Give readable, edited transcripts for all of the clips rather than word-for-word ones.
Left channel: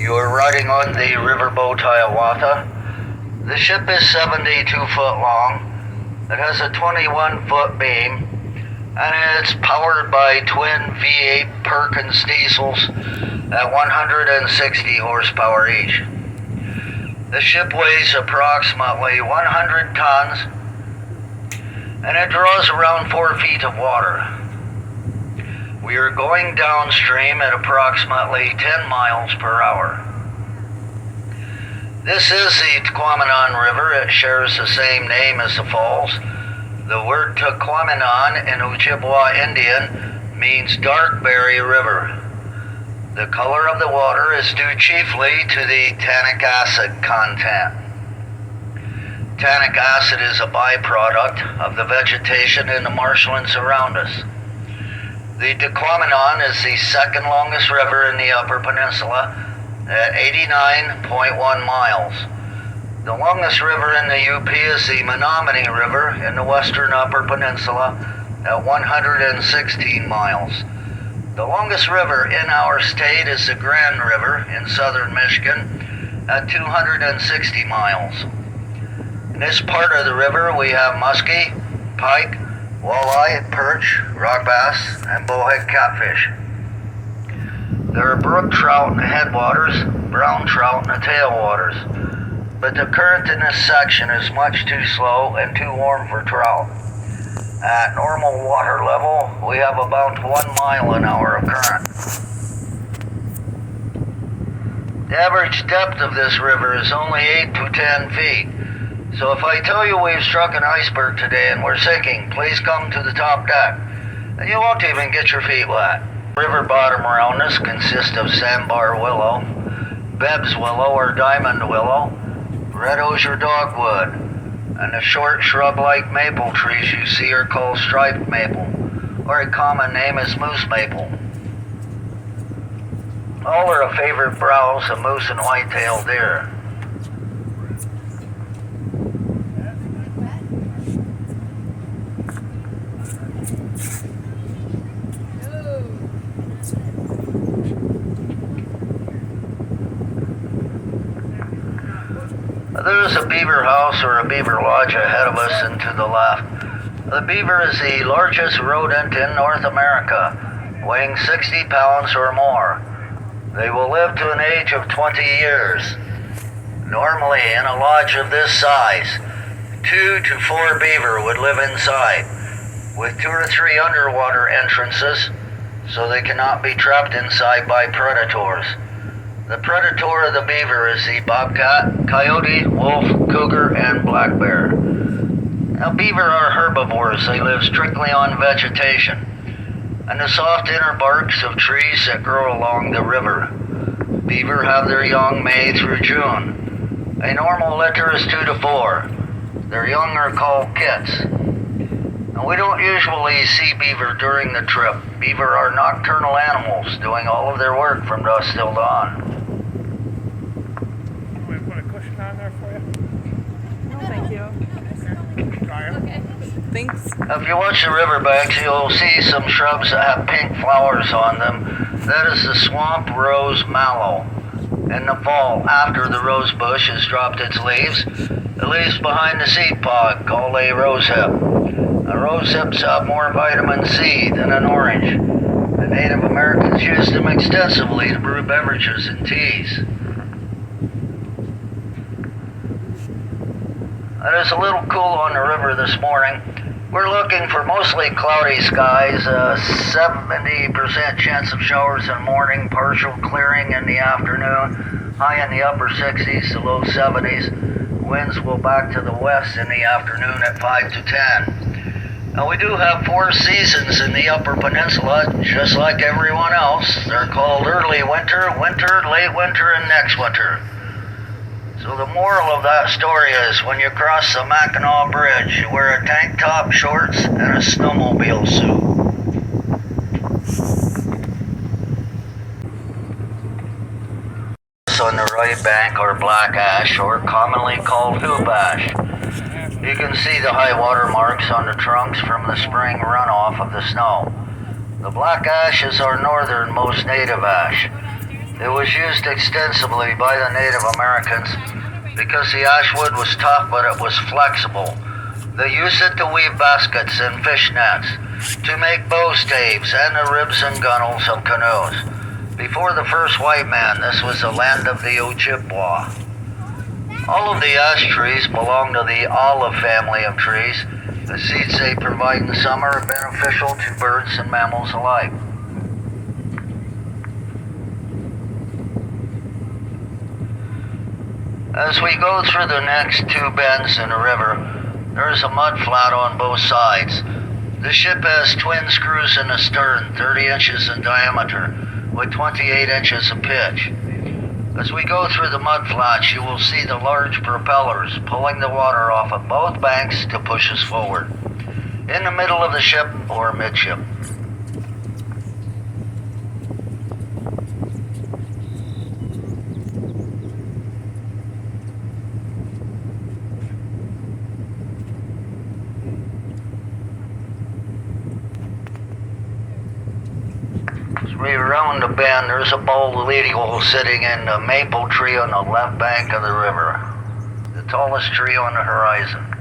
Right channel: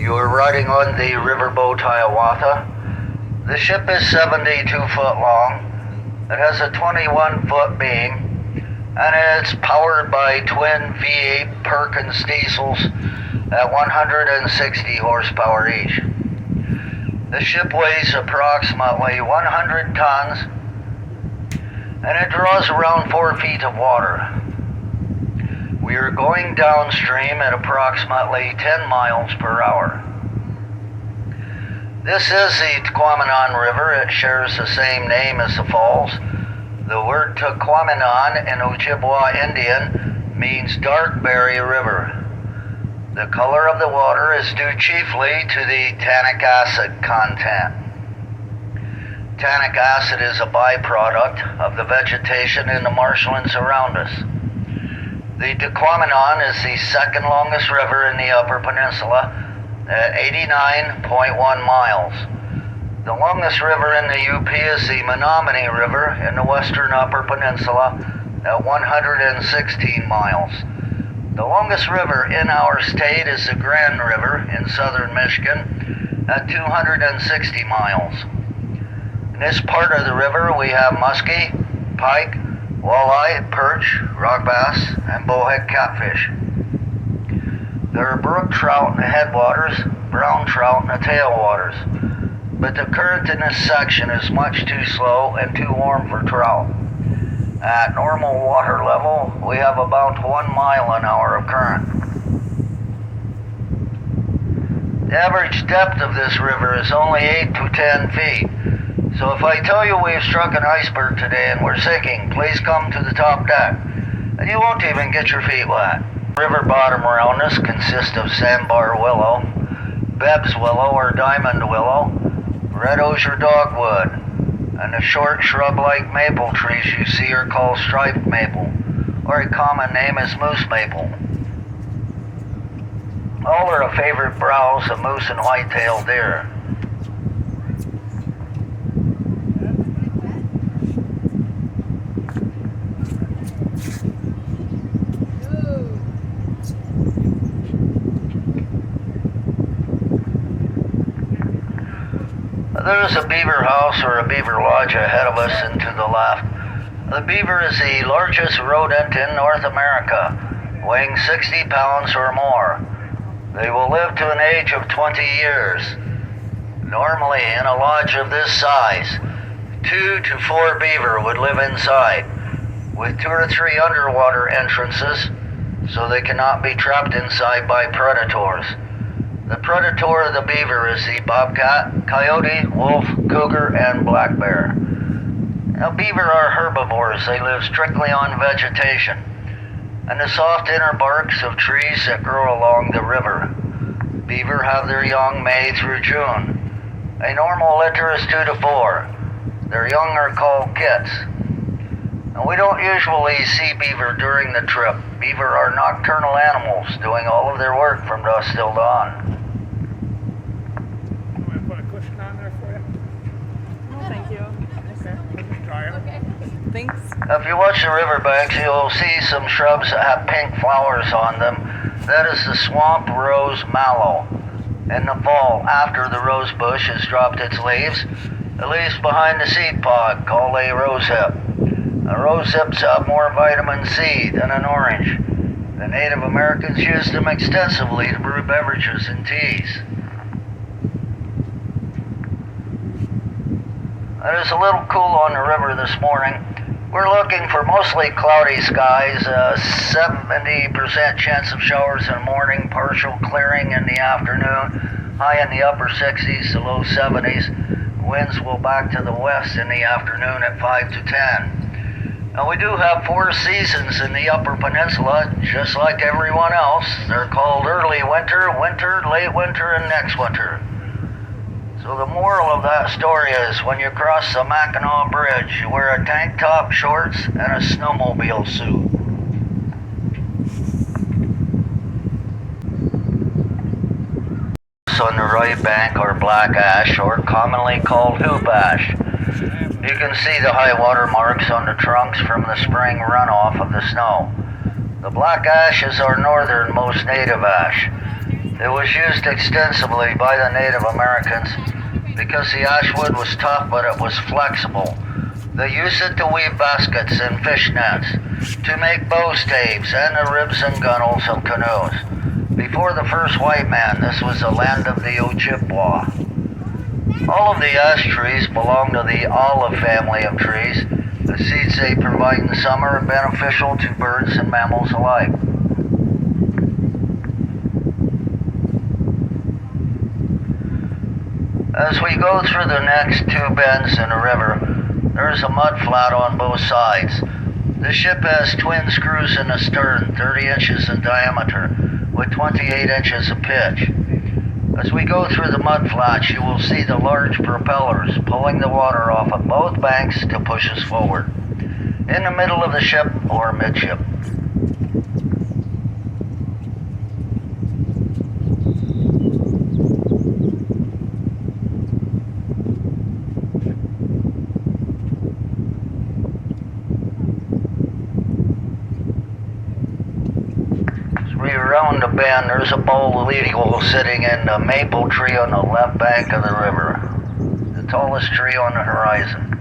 You are riding on the riverboat Hiawatha. The ship is 72 foot long. It has a 21-foot beam, and it's powered by twin V8 Perkins diesels at 160 horsepower each. The ship weighs approximately 100 tons, and it draws around 4 feet of water. We are going downstream at approximately 10 miles per hour. This is the Tahquamenon River. It shares the same name as the falls. The word Tahquamenon in Ojibwa Indian means dark berry river. The color of the water is due chiefly to the tannic acid content. Tannic acid is a byproduct of the vegetation in the marshlands around us. The Tahquamenon is the second longest river in the Upper Peninsula at 89.1 miles. The longest river in the UP is the Menominee River in the western Upper Peninsula at 116 miles. The longest river in our state is the Grand River in southern Michigan at 260 miles. In this part of the river we have muskie, pike, walleye, perch, rock bass, and bowhead catfish. There are brook trout in the headwaters, brown trout in the tailwaters, but the current in this section is much too slow and too warm for trout. At normal water level, we have about 1 mile an hour of current. The average depth of this river is only 8 to 10 feet. So if I tell you we've struck an iceberg today and we're sinking, please come to the top deck, and you won't even get your feet wet. River bottom around us consists of sandbar willow, Bebb's willow or diamond willow, red osier dogwood, and the short shrub-like maple trees you see are called striped maple, or a common name is moose maple. All are the favorite browse of moose and white-tailed deer. There's a beaver house or a beaver lodge ahead of us and to the left. The beaver is the largest rodent in North America, weighing 60 pounds or more. They will live to an age of 20 years. Normally, in a lodge of this size, 2 to 4 beaver would live inside, with 2 or 3 underwater entrances, so they cannot be trapped inside by predators. The predator of the beaver is the bobcat, coyote, wolf, cougar, and black bear. Now, beaver are herbivores. They live strictly on vegetation and the soft inner barks of trees that grow along the river. Beaver have their young May through June. A normal litter is 2 to 4. Their young are called kits. And we don't usually see beaver during the trip. Beaver are nocturnal animals, doing all of their work from dusk till dawn. Put a cushion on there for you? No, thank you. Okay. Thanks. If you watch the riverbanks, you'll see some shrubs that have pink flowers on them. That is the swamp rose mallow. In the fall, after the rose bush has dropped its leaves, it leaves behind the seed pod called a rosehip. Rosehips have more vitamin C than an orange. The Native Americans used them extensively to brew beverages and teas. It is a little cool on the river this morning. We're looking for mostly cloudy skies, 70% chance of showers in the morning, partial clearing in the afternoon, high in the upper 60s to low 70s. Winds will back to the west in the afternoon at 5 to 10. Now we do have 4 seasons in the Upper Peninsula, just like everyone else. They're called early winter, winter, late winter, and next winter. So the moral of that story is when you cross the Mackinac Bridge, you wear a tank top, shorts, and a snowmobile suit. On the right bank are black ash, or commonly called hoop ash. You can see the high water marks on the trunks from the spring runoff of the snow. The black ash is our northernmost native ash. It was used extensively by the Native Americans because the ash wood was tough but it was flexible. They used it to weave baskets and fish nets, to make bow staves and the ribs and gunnels of canoes. Before the first white man, this was the land of the Ojibwa. All of the ash trees belong to the olive family of trees. The seeds they provide in summer are beneficial to birds and mammals alike. As we go through the next two bends in the river, there is a mud flat on both sides. The ship has twin screws in the stern, 30 inches in diameter, with 28 inches of pitch. As we go through the mud flats, you will see the large propellers pulling the water off of both banks to push us forward. In the middle of the ship or midship. Around the bend, there's a bald eagle sitting in the maple tree on the left bank of the river, the tallest tree on the horizon.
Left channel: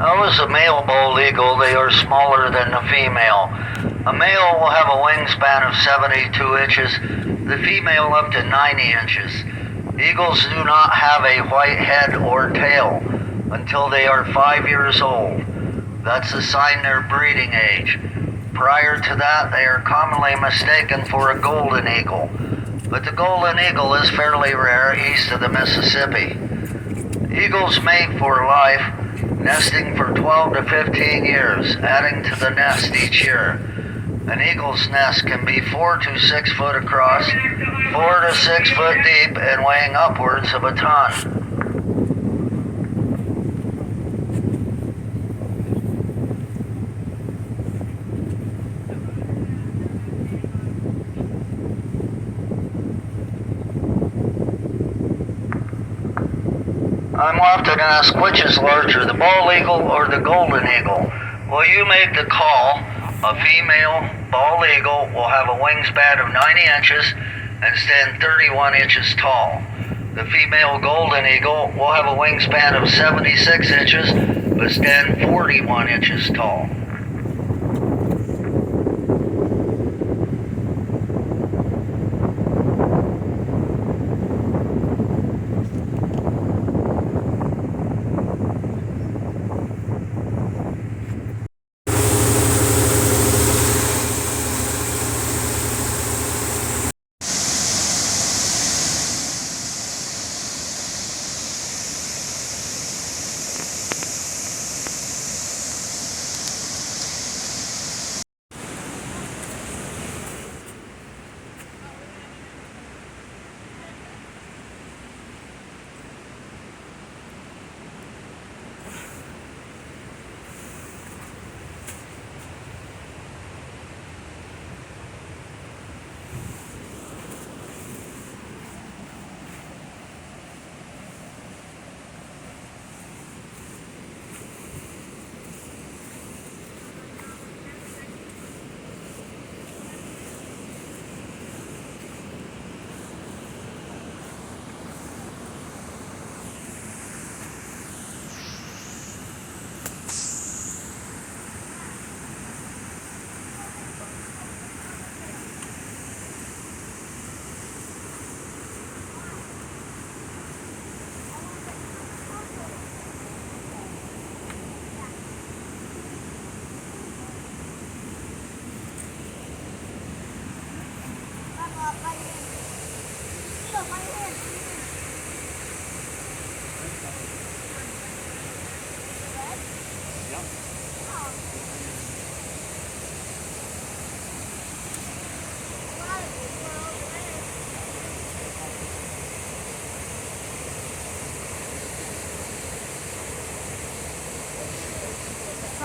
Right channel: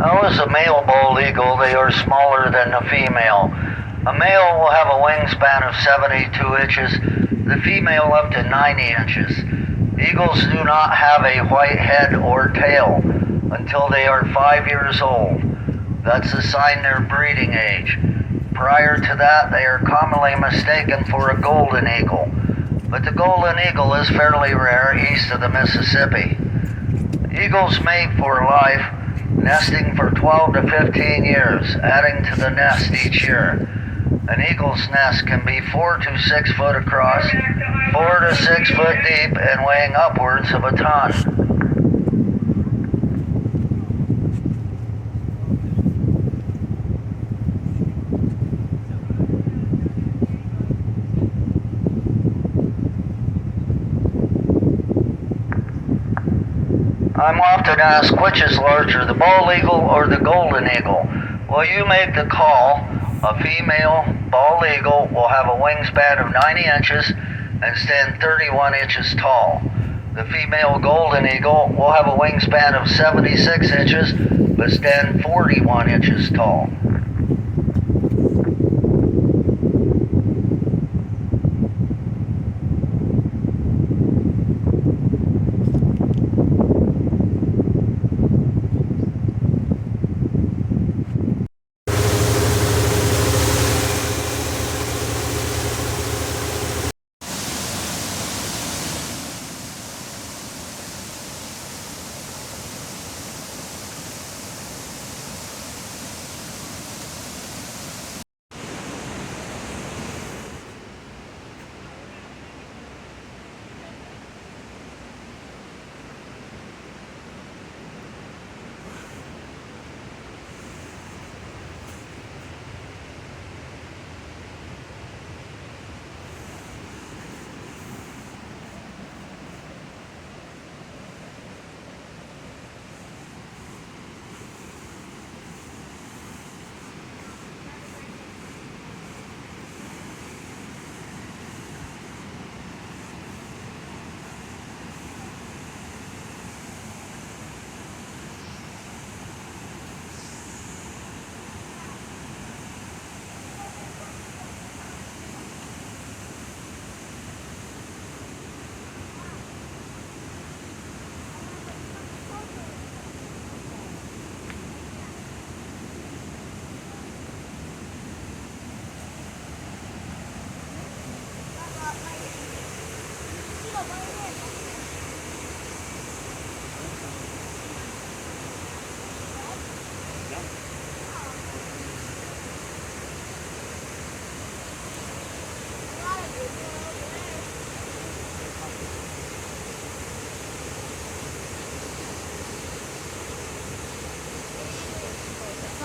Now, as a male bald eagle, they are smaller than the female. A male will have a wingspan of 72 inches, the female up to 90 inches. Eagles do not have a white head or tail until they are 5 years old. That's a sign they're breeding age. Prior to that, they are commonly mistaken for a golden eagle. But the golden eagle is fairly rare east of the Mississippi. Eagles mate for life, nesting for 12 to 15 years, adding to the nest each year. An eagle's nest can be 4 to 6 foot across, 4 to 6 foot deep, and weighing upwards of a ton. I'm often asked which is larger, the bald eagle or the golden eagle. Well, you make the call. A female bald eagle will have a wingspan of 90 inches and stand 31 inches tall. The female golden eagle will have a wingspan of 76 inches but stand 41 inches tall.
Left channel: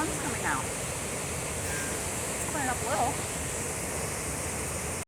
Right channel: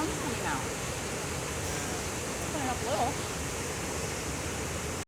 sun's coming out. It's coming up a little.